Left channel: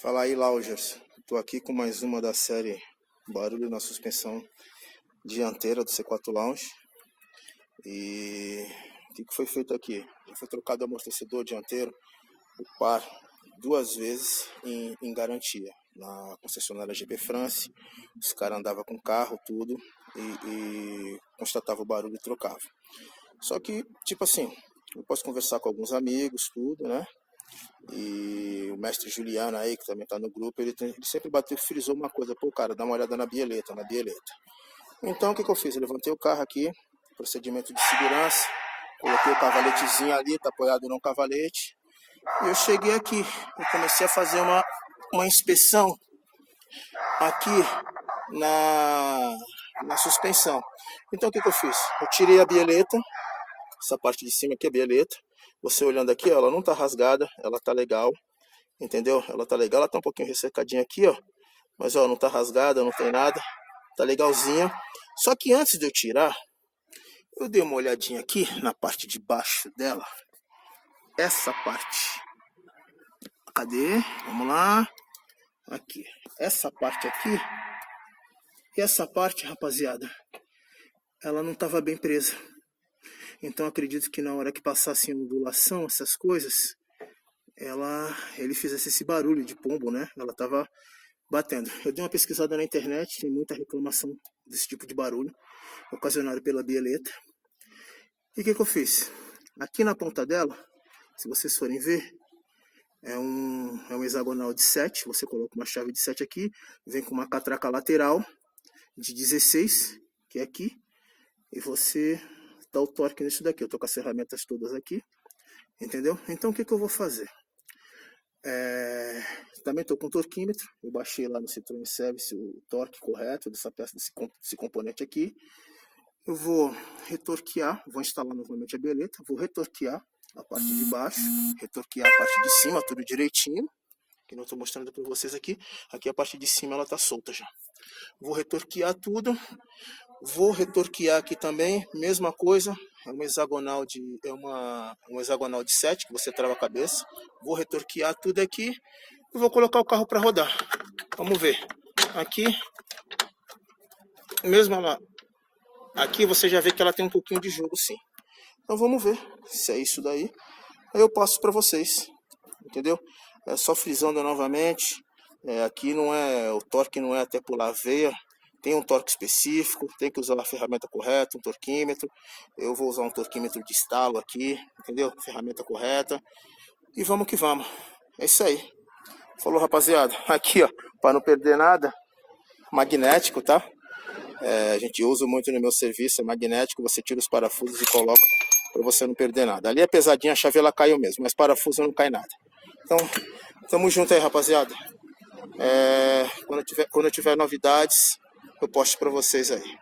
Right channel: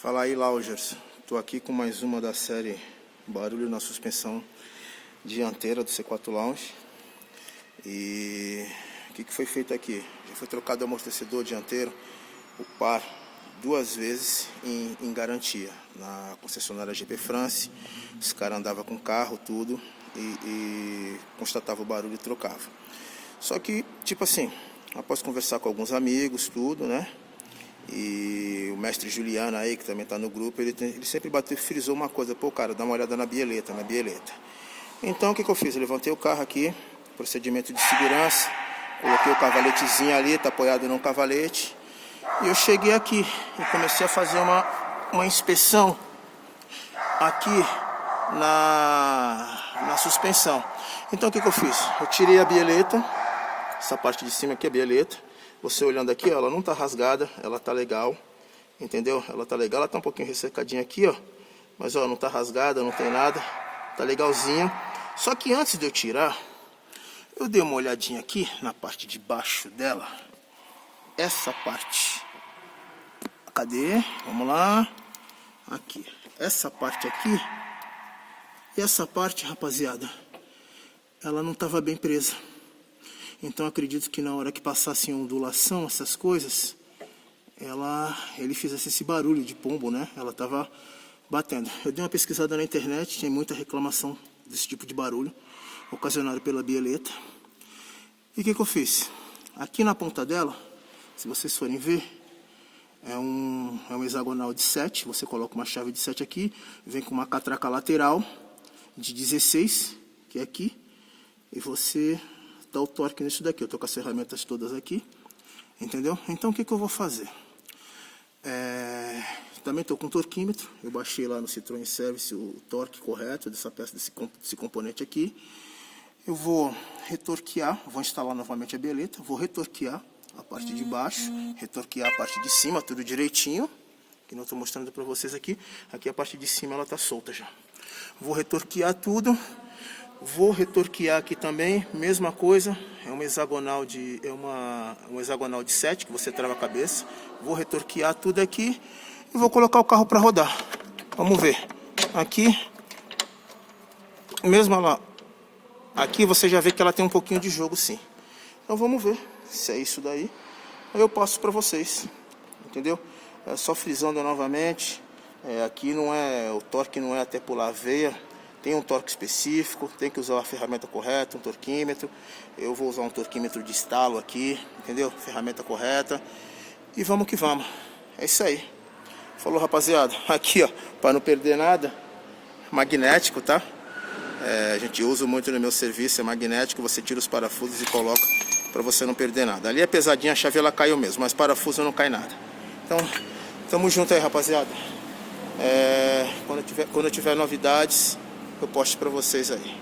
Fala aí, Laugers. Estou aqui com mais uma da série Barulho na Suspensão Dianteira do C4 Lounge. E o que foi feito aqui? Já foi trocado o amortecedor dianteiro, o par, 2 vezes em garantia. Na concessionária GP France, os caras andavam com carro, tudo, e constatava o barulho e trocava. Só que, tipo assim, após conversar com alguns amigos, tudo, né? E o mestre Juliano aí, que também está no grupo, ele sempre frisou uma coisa: pô, cara, dá uma olhada na bieleta, Então, o que eu fiz? Eu levantei o carro aqui, procedimento de segurança, coloquei o cavaletezinho ali, tá apoiado no cavalete, e eu cheguei aqui e comecei a fazer uma inspeção aqui na suspensão. Então, o que eu fiz? Eu tirei a bieleta, essa parte de cima aqui é a bieleta. Você olhando aqui, ó, ela não tá rasgada, ela tá legal, entendeu? Ela tá legal, ela tá um pouquinho ressecadinha aqui, ó, mas ó, não tá rasgada, não tem nada, tá legalzinha. Só que antes de eu tirar, eu dei uma olhadinha aqui na parte de baixo dela, essa parte. Cadê? Vamos lá. Aqui, essa parte aqui e essa parte, rapaziada, ela não tava bem presa. Então acredito que na hora que passasse ondulação, essas coisas, ele fizesse esse barulho de pombo, né? Ela tava batendo. Eu dei uma pesquisada na internet, tem muita reclamação desse tipo de barulho, ocasionado pela bieleta. E o que eu fiz? Aqui na ponta dela, se vocês forem ver, é um hexagonal de 7, você coloca uma chave de 7 aqui, vem com uma catraca lateral de 16, que é aqui, e você dá o torque nisso daqui. Eu tô com as ferramentas todas aqui, entendeu? Então o que eu vou fazer? Também tô com o torquímetro, eu baixei lá no Citroën Service o torque correto dessa peça, desse componente aqui. Eu vou retorquear, vou instalar novamente a bieleta, vou retorquear a parte de baixo, retorquear a parte de cima, tudo direitinho, que não estou mostrando para vocês aqui. Aqui a parte de cima ela tá solta já. Vou retorquear tudo. Vou retorquear aqui também, mesma coisa, é um hexagonal de 7 que você trava a cabeça. Vou retorquear tudo aqui e vou colocar o carro para rodar. Vamos ver. Aqui, mesmo ela, aqui você já vê que ela tem um pouquinho de jogo, sim. Então vamos ver se é isso daí. Aí eu passo para vocês, entendeu? É só frisando novamente. Aqui não é, o torque não é até pular a veia. Tem um torque específico, tem que usar a ferramenta correta, um torquímetro. Eu vou usar um torquímetro de estalo aqui, entendeu? Ferramenta correta. E vamos que vamos. É isso aí. Falou, rapaziada. Aqui, ó, para não perder nada, magnético, tá? A gente usa muito no meu serviço, é magnético. Você tira os parafusos e coloca para você não perder nada. Ali é pesadinha, a chave ela caiu mesmo, mas parafuso não cai nada. Então, tamo junto aí, rapaziada. Quando eu tiver novidades, eu posto para vocês aí.